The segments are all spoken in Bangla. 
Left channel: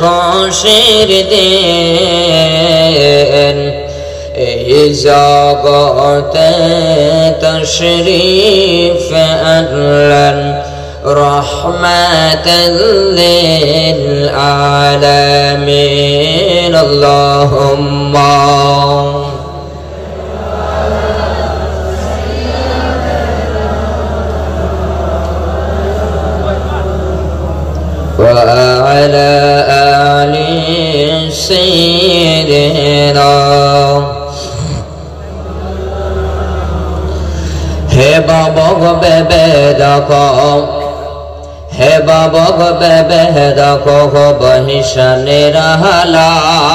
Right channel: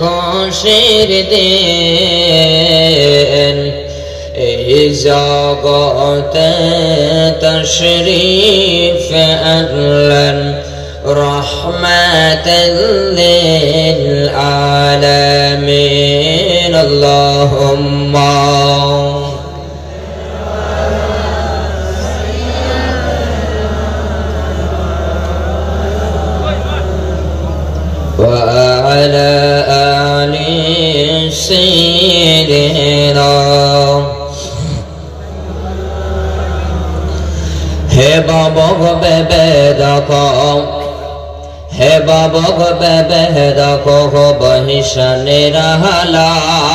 খুশির দিন এই জগতে তশরীফ আনলেন রহমাতাল লিল আলামিন। আল্লাহুম্মা وعلى آل سيدنا হে বাবা গো বেবে দেখো, হে বাবা গো বেবে দেখো গো বহিশানের হালাত,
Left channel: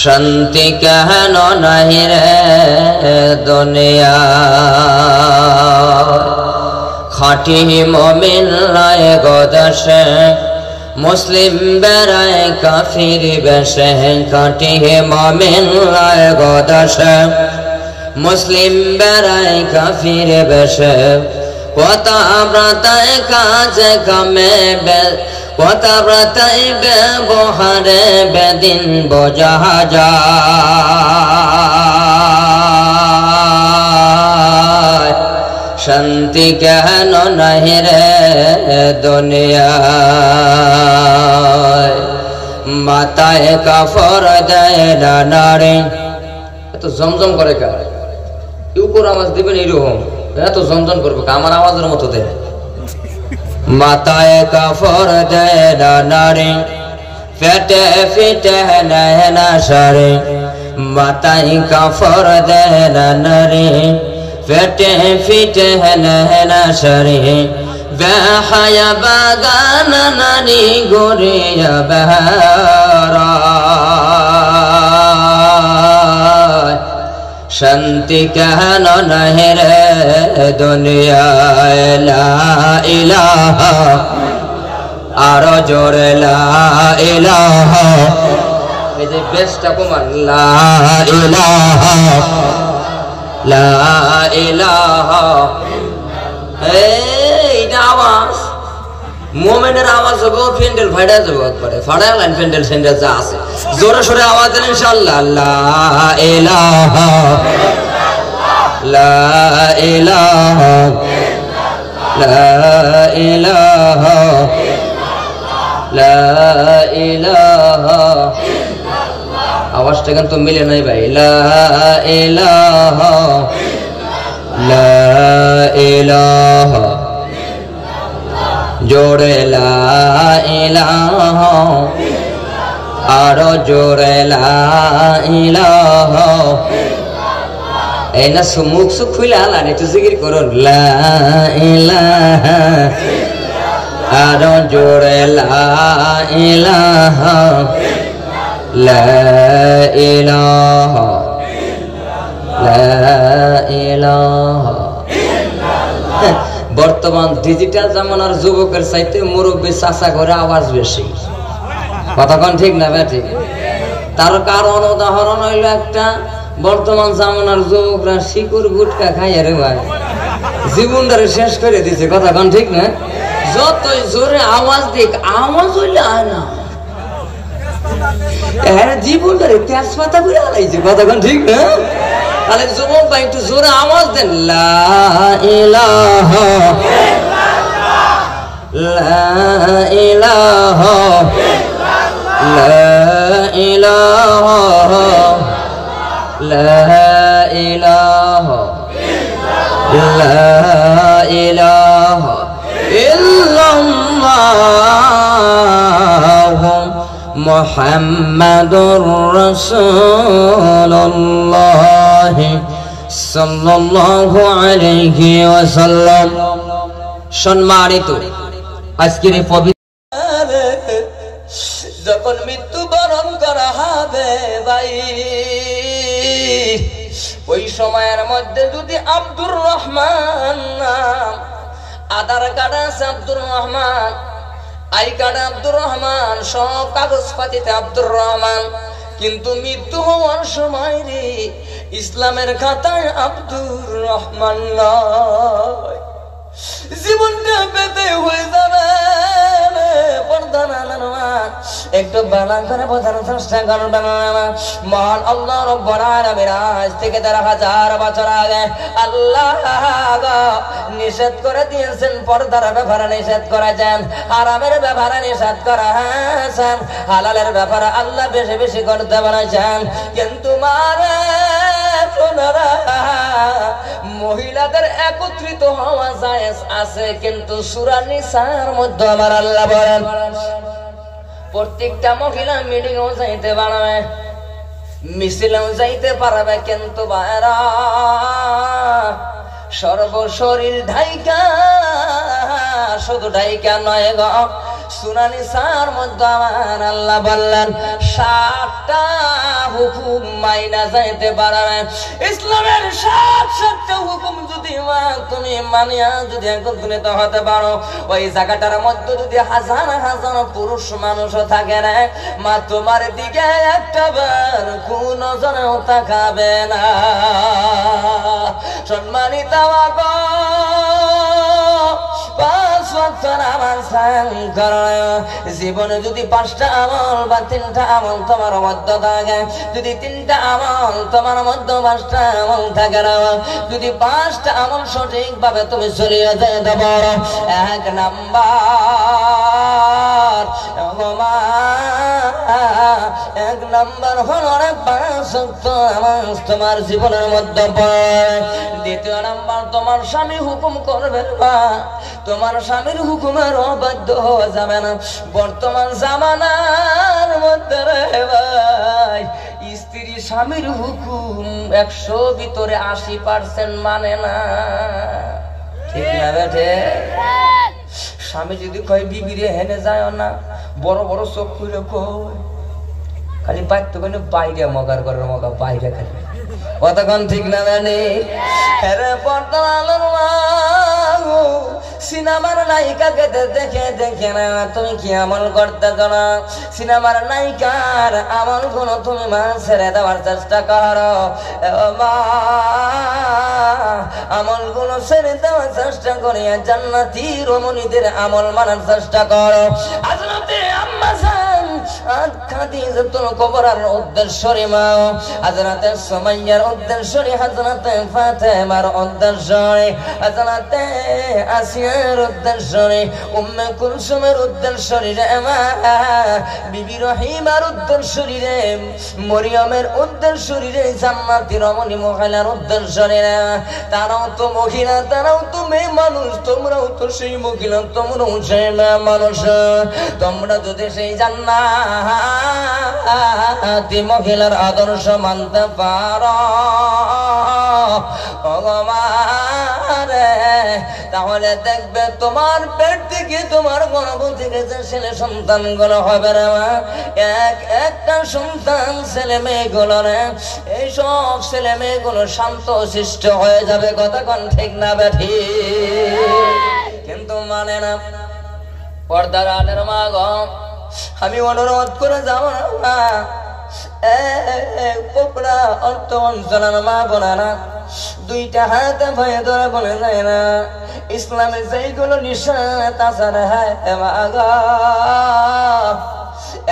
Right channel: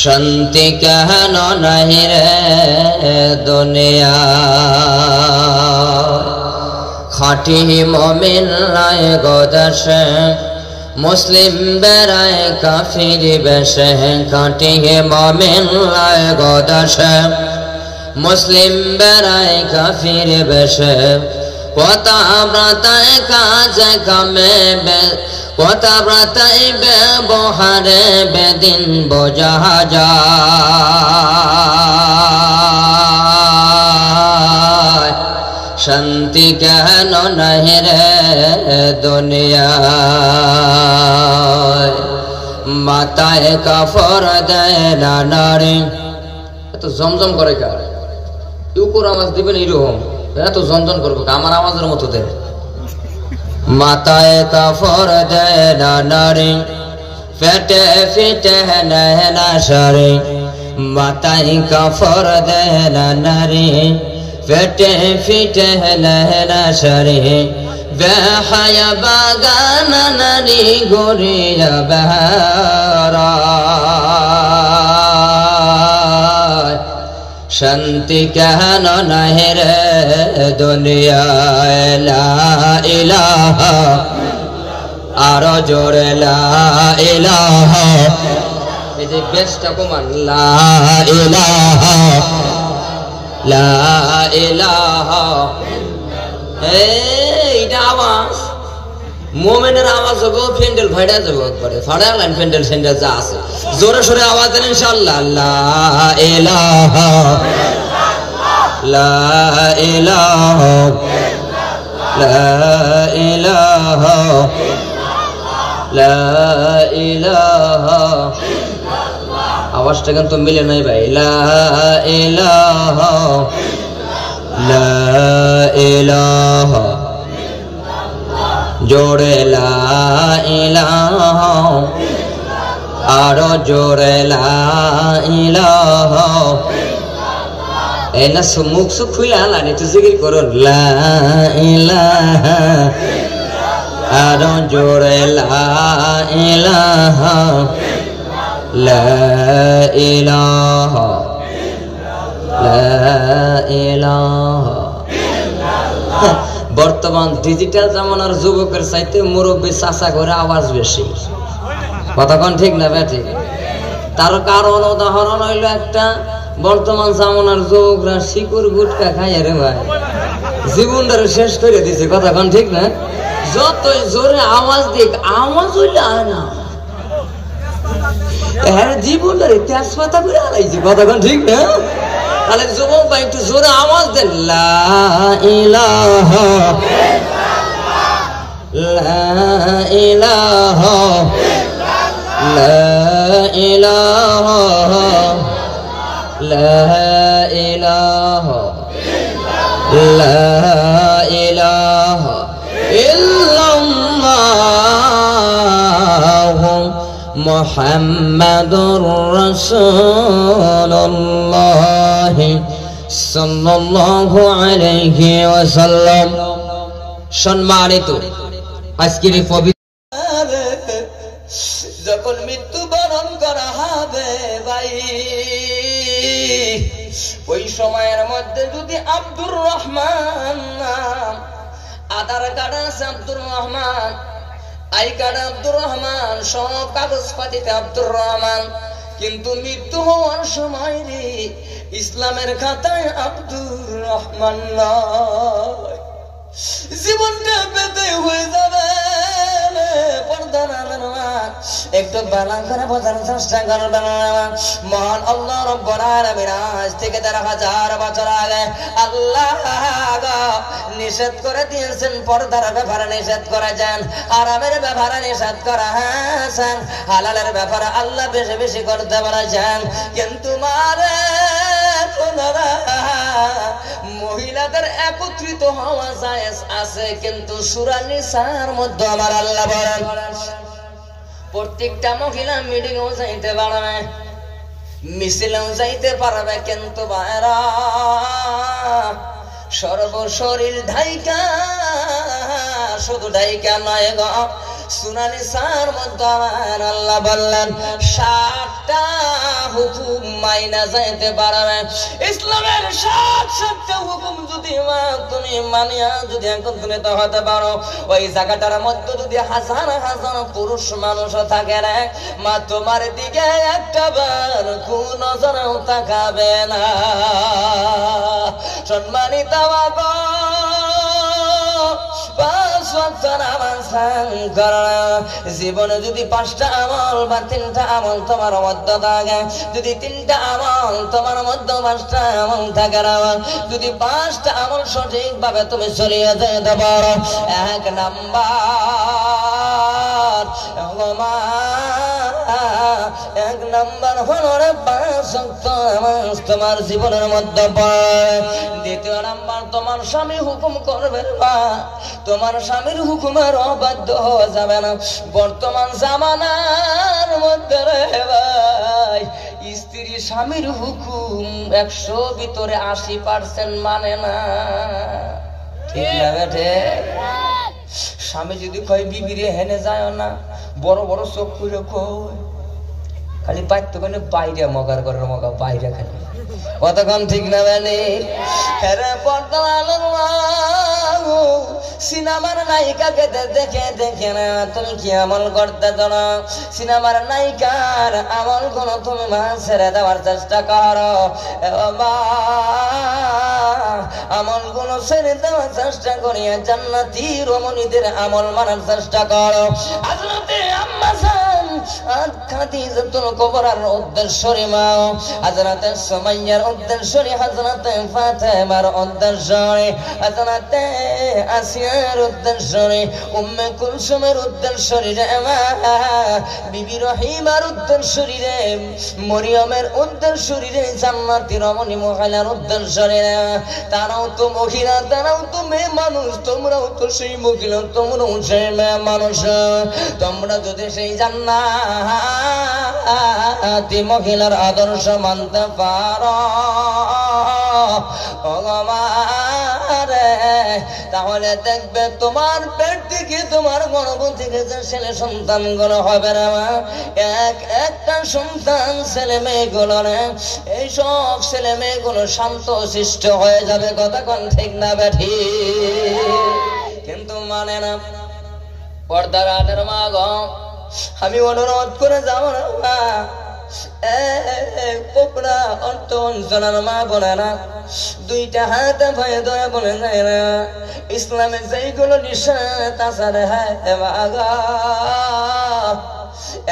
শান্তি কেন নাহি রে দুনিয়া। খাঁটি মুমিন রায় গদশে মুসলিম বেড়ায় কাফির বেশে, খাঁটি মুমিন রায় গদশে মুসলিম বেড়ায় কাফির বেশে। কথা ব্রতায় কাজে কামে কথা ব্রতায় ব্যবহারে বেদিন বোঝা যায়, শান্তি কেন নাহি রে দুনিয়ায়। মাথায় কাফর দেয় না নারী, এত জমজম করে কার উপর আওয়াজ দিবেন এরকম, এত জমজম করবে আমার আওয়াজের মতো দেয়। মাথায় কাফর দেয় না নারী, পেটে ফিটে নেয় না সারে। মাথায় কাফর দেয় না নারী, পেটে ফিটে নেয় না সারে। বেহায়া বাগান নারী ঘুরিয়া বেহারা, শান্তি কেন নাহি রে দুনিয়ায়। লা ইলাহা আরো জোরে লা ইলাহা, এই যে বেশটা কমান লা ইলাহা লা ইলাহা। এইটা আওয়াজ মোমেনের আওয়াজ হবে, ফ্যান্ডেল ফাড়া যাবে একবারে, ফাড়া লাইন ফ্যান্ডেল স্যান্ডেল যা আছে জোরে সোরে আওয়াজ দেন ইনশাআল্লাহ। লা ইলাহা লা ইলাহা লা ইলাহা লা ইলাহা। আওয়াজটা কিন্তু মিলে নাই ভাই। লা ইলাহা লা ইলাহা জোরে লা ইলাহা আরো জোরে লা ইলাহা। এই না মুখ সুখ খুলে হালান একটু জিকির করুন। লা ইলাহা আরো জোরে লা ইলাহা লা ইলাহা লা ইলাহা। বর্তমান ডিজিটাল জামানার যুবকের চাইতে মুরব্বী চাচা করে আওয়াজ বেশি, কতক্ষণ ঠিক না ব্যাটি? তার কারণ উদাহরণ হইল একটা, বর্তমান জামানার যুবকরা শিকুর গুটকা খাই রে ভাই জীবনটারে শেষ করে দিছে, কতক্ষণ ঠিক না? যতই জোরে আওয়াজ দিক আওয়াজ হইলে আর না, হ্যাঁ জীবনটারে তেজপাতা করে হারাইছে, কতক্ষণ ঠিক না? তাহলে যুবক ভাই একটু জোরে আওয়াজ দেন। লা ইলাহা লা ইলাহা লা ইলাহা লা ইলাহা লা ইলাহা ইল্লাল্লাহু মুহাম্মাদুর রাসূলুল্লাহ সাল্লাল্লাহু আলাইহি ওয়াসাল্লাম। সম্মানিত আজকের পবিত্র যখন মৃত্যুবরণ করা হবে ভাই, ওই সময়ের মধ্যে যদি আব্দুর রহমান আধার কার্ড আছে আব্দুর রহমান, আই কার্ড আব্দুর রহমান, সব কাগজ পাতিতে আব্দুর রহমান, কিন্তু মৃত্যু হওয়ার সময় রে ইসলামের খাতায় আব্দুর রহমান নয়। ভালো করে বোঝার চেষ্টা করবেন। মহান আল্লাহ রাব্বুল আলামিন আজ থেকে ১৩,০০০ বছর আগে আল্লাহ নিষেধ করে দিয়েছেন, পর্দার ব্যাপারে নিষেধ করেছেন, হারামের ব্যাপারে নিষেধ করেছেন, হালালের ব্যাপারে আল্লাহ বেশি বেশি করতে বলেছেন। কিন্তু মহিলাদের একত্রিত হওয়া জায়েজ আছে, কিন্তু সূরা নিসার মধ্যে আমার আল্লাহ বলেন প্রত্যেকটা মহিলা মিটিংও যাইতে পারবে, মিছিলেও যাইতে পারবে, কিন্তু বাইরা সর্বশরীর ঢাইকা, শুধু ঢাইকা নয় গো, সূরা নিসার মধ্যে আমার আল্লাহ বললেন ৭টা হুকুম মাইনা যাইতে পারবে। ইসলামের ৭টা হুকুম যদি তুমি মানিয়া যদি একত্রিত হতে পারো, ওই জায়গাটার মধ্যে যদি হাজার হাজার পুরুষ মানুষ থাকে না, মা তোমার দিকে একটা বার কোন নজরেও তাকাবে না। সম্মানিত জীবনে যদি ৫টা আমল বা ৩টা আমল তোমার মধ্যে থাকে, যদি ৩টা আমল তোমার মধ্যে ৫টা আমল থাকে না, যদি ৫টা আমল সঠিক ভাবে তুমি চলিয়ে যেতে পারো, ১ নাম্বার হলো ৫ ওয়াক্ত নামাজ তোমার জীবনের মধ্যে পড়ে। ২য় নাম্বার তোমার স্বামী হুকুম করবেন না, তোমার স্বামীর হুকুমের অবাধ্য হওয়া যাবে না। বর্তমান জামানার মধ্যে রে ভাই, স্ত্রী স্বামীর হুকুম ১০০ ভিতরে ৮০% মানে না, ঠিক না বেঠে? স্বামী যদি কয় বিবিরে হেনে যায় না, বড় বড় চোখ করে কয়, খালি পাইতো কেন বাইরে মগার করে মগা বাইরে খালি, কতক্ষণ ঠিক না জানি? সিনেমার নায়িকাকে দেখে দেখে না তুমি কি আমল করতে না, সিনেমার নায়িকার আমল গুলো তুমি ছেড়ে দেওয়ার চেষ্টা করো, আমল গুলো ছেড়ে দেওয়ার চেষ্টা করিয়া জান্নাতি রমণীদের আমল মানার চেষ্টা করো। হযরতে আম্মা জান খাদিজাতুল কুবরার উদ্দেশ্যে মা, হযরতে সুমাইয়ার উদ্দেশ্যে, হযরতে ফাতেমার উদ্দেশ্যে, হযরতে আসিয়ার উদ্দেশ্যে, উম্মে কুলসুমের উদ্দেশ্যে রে মা, বিবি রহিমার উদ্দেশ্যে রে, মরিয়মের উদ্দেশ্যে রে, জান্নাতি রমণী মহিলার উদ্দেশ্যে রে। তারাও তো মহিলা, তারাও তো মেয়ে মানুষ, তোমরাও তো সেই মহিলা, তোমরাও সেই মেয়ে মানুষ। তোমরা যদি সেই জান্নাতি মহিলার আদর্শ মানতে পারো তাহলে দেখবে তোমার পেট থেকে, তোমার গর্ভ থেকে যে ছেলে সন্তান গুলো হবে না, একটা সন্তান ছেলে মেয়েগুলো না, এই সব ছেলে মেয়েগুলো শান্ত শিষ্ট হয়ে যাবে, কতক্ষণ ঠিক না বেঠি? কিন্তু মানে না। পর্দার আলের মা গো, আমি অনুরোধ করে যাবো না, পোপড়া অর্থ অঞ্চলের মা বোনেরা, 2টা হাতে ভয়ে ধরে বলে যায় না, ইসলামে যেইগুলো নিষেধ আছে রে মাগো,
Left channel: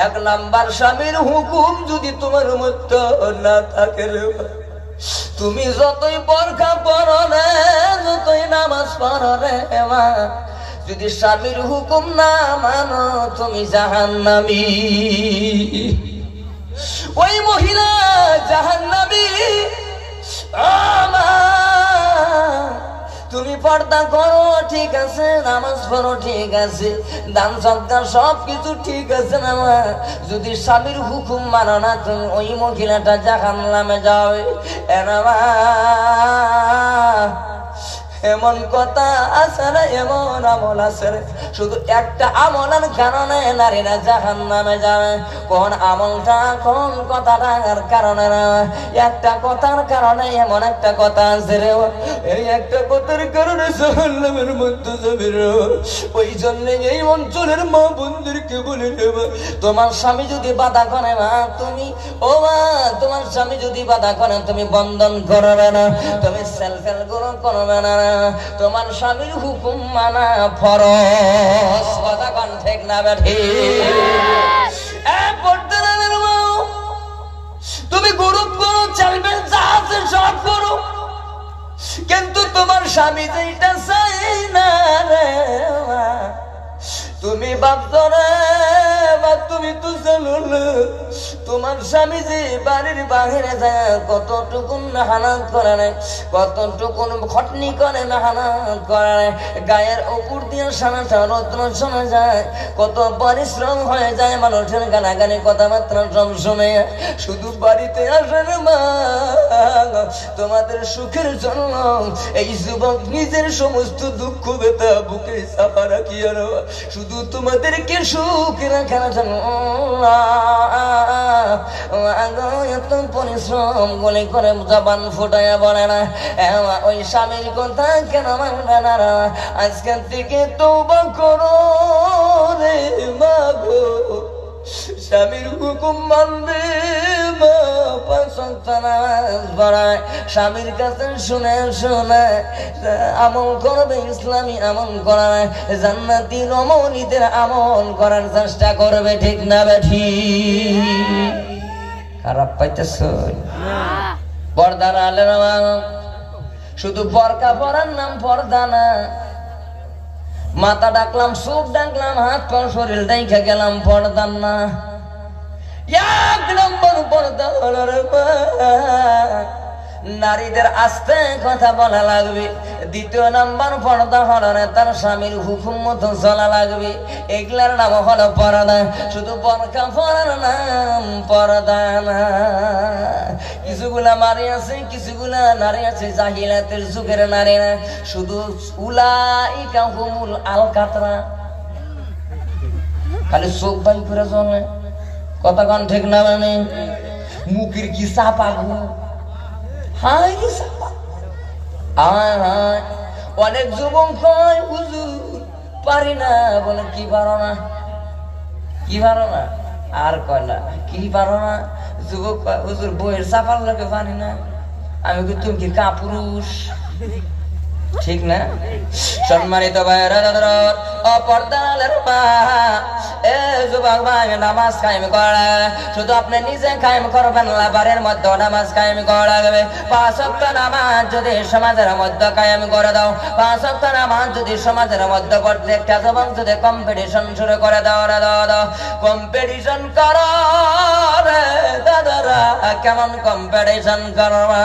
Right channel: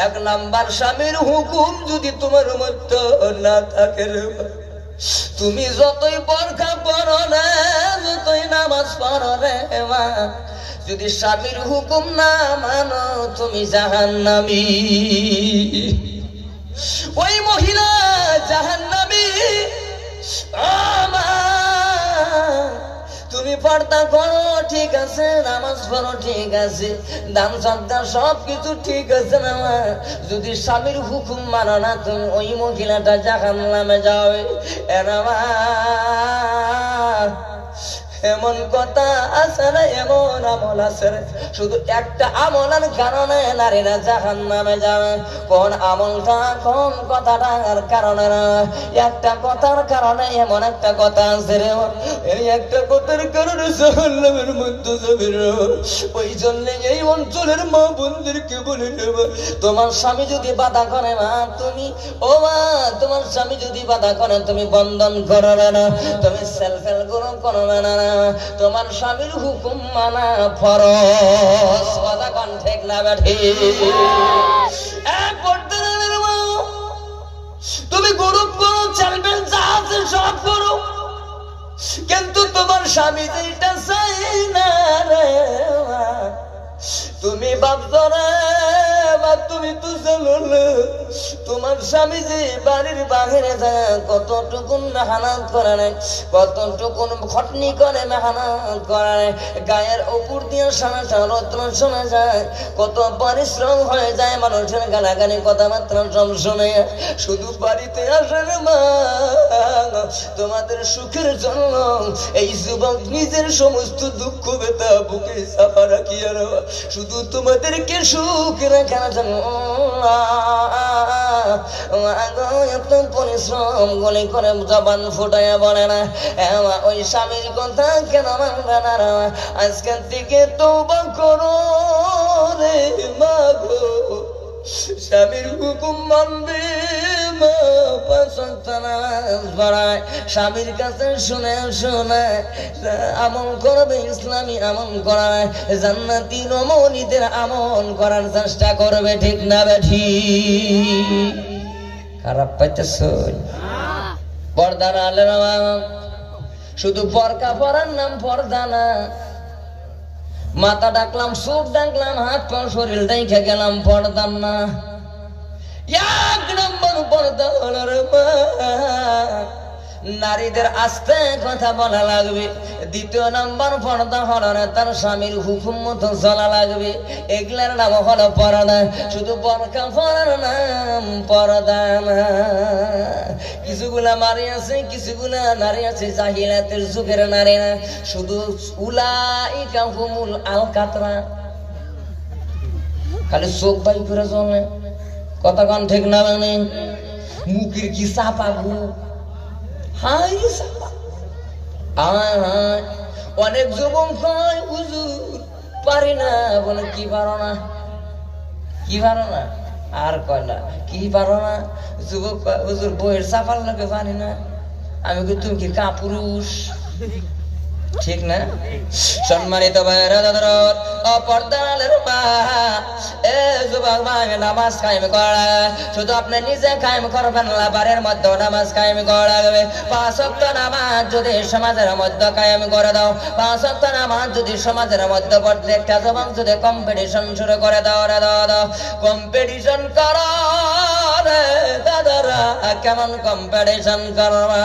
1 নাম্বার স্বামীর হুকুম যদি তোমার মধ্যে না থাকে রে, তুমি যতই বোরকা পরো না, যতই নামাজ পড়ো রে মা, যদি স্বামীর হুকুম না মানো তুমি জাহান্নামী, ওই মহিলা জাহান্নামী। তুমি পর্দা করো ঠিক আছে, নামাজ পড়ো ঠিক আছে, দান সদকা সবকিছু ঠিক আছে না, যদি স্বামীর হুকুম মানো না তুমি ওই মহিলাটা জাহান্নামে যাবে। এমন কথা আছে না, এমন আমল আছে, শুধু একটা আমলের কারণে নারীরা জাহান্নামে যাবে। কোন আমলটা, কোন কথাটার কারণে না, একটা কথার কারণে, এমন একটা কথা আছে রে, এই একটা কথার কারণে জাহান্নামের মধ্যে যাবে রে। ওই জন্য এই অঞ্চলের মা বোনদেরকে বলে নেব, তোমার স্বামী যদি বাধা করে না, তুমি ও মা, তোমার স্বামী যদি বাধা করে তুমি বন্ধন করবে না, তুমি সেলফেল গ্রহণ করবে না, তোমার স্বামীর হুকুম মানা ফরজ, কথা কোন ঠিক না বেঠি? পর্দা কিন্তু তোমার স্বামী যেটা চাই না রে তুমি ভাবছো না তুমি তো জানো তোমার স্বামী যে বাড়ির বাহিরে যায় কতটুকুন মেহনত করে নেয়, কতটুকুন খটনি করে মেহনত করে নেয়, গায়ের উপর দিয়ে সারা রত্ন শোনা যায়, কত পরিশ্রম হয়ে যায়, মানুষের গালাগালি কথাবার্তা সব শুনে শুধু বাড়িতে আসেন মা তোমাদের সুখের জন্য এই যুবক নিজের সমস্ত দুঃখ ব্যথা বুকে চাপা রাখি আর শুধু তোমাদেরকে সুখে রাখার জন্য এত পরিশ্রম গলে করে জবান ফুটাইয়া বলে না ওই স্বামীর কথা কেন মানবে না আজকের থেকে তওবা করো রে মা গো স্বামীর হুকুম মানবে মা পাঁচ ওয়াক্ত নামাজ পড়ায় স্বামীর কাছে শুনে শুনে আমল করবে ইসলামী আমল করাবে জান্নাতি রমণীদের আমল করার চেষ্টা করবে ঠিক না বেঠি খারাপ পাইতেছ পর্দা না শুধু পরকা পরার নাম পর্দা না মাথা ডাকলাম চোখ ডাকলাম হাত পা শরীর ডাইখা গেলাম পর্দা না এক নম্বর পর্দা হলো রে নারীদের আস্তে কথা বলা লাগবে, দ্বিতীয় নাম্বার পর্দা হলো না তার স্বামীর হুকুম মতো চলা লাগবে, এগুলার নাম হলো পর্দা। শুধু পরকা পরার নাম পর্দা না। কিছুগুলা নারী আছে কিছুগুলা নারী আছে জাহিলাতের যুগের নারী না, শুধু উলাইকা হুমুল আল কাতরা খালি চোখ বাই করে চলে কথা কান ঠিক না মানে মুখের কি চাপা গো অনেক যুবক কয় হুজুর পারি না বলে কি পারো না কি পারো না আর কয় না কি পারো না যুবক হুজুর বইয়ের চাপার লোকে পারি না আমি কি তুমি কি কাপুরুষ ঠিক না সম্মানিত ভাইরা দাদারা অপর্দালের মা এ যুবক ভাই নামাজ কায়েম করা শুধু আপনি নিজে কায়েম করবেন না বাড়ির মধ্যে নামাজ কায়েম করা লাগবে। পাঁচ ওয়াক্ত নামাজ যদি সমাজের মধ্যে কায়েম করে দাও, পাঁচ ওয়াক্ত নামাজ যদি সমাজের মধ্যে প্রত্যেকটা যুবক যদি কম্পিটিশন শুরু করে দাও দাও কম্পিটিশন করো রে দাদারা কেমন কম্পিটিশন করবা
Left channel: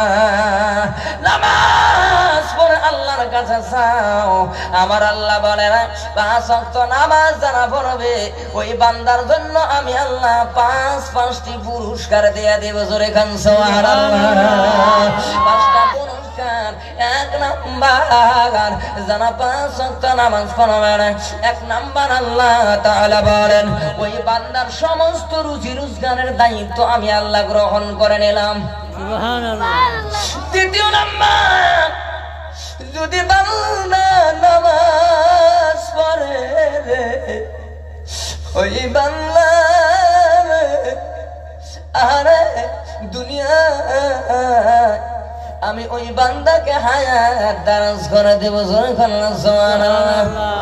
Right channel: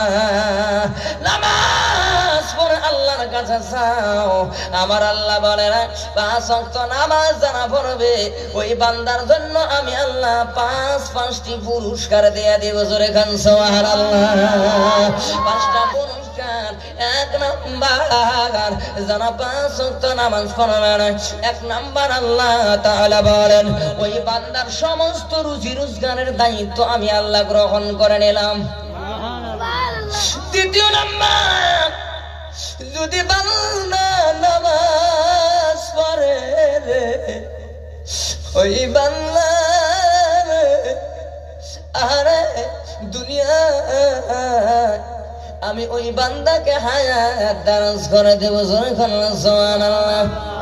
নামাজ পড়ে আল্লাহর কাছে চাও। আমার আল্লাহ বলে না পাঁচ ওয়াক্ত নামাজ যারা পড়বে ওই বান্দার জন্য আমি আল্লাহ পাঁচটি পুরস্কার দিয়ে দেব। জোরে খান সুবহানাল্লাহ। পাঁচটা পুরস্কার। এক নাম্বার যারা পাঁচ ওয়াক্ত নামাজ পড়বে না, এক নাম্বার আল্লাহ তাআলা বলেন ওই বান্দার সমস্ত রুজি রোজগারের দায়িত্ব আমি আল্লাহ গ্রহণ করে নিলাম। দ্বিতীয় নাম্বার যদি বান্দা নামাজ পড়ে ওই বান্দা আরে দুনিয়া আমি ওই বান্দাকে হায়াত দারাজ করে দেব। জোরে খান সুবহানাল্লাহ।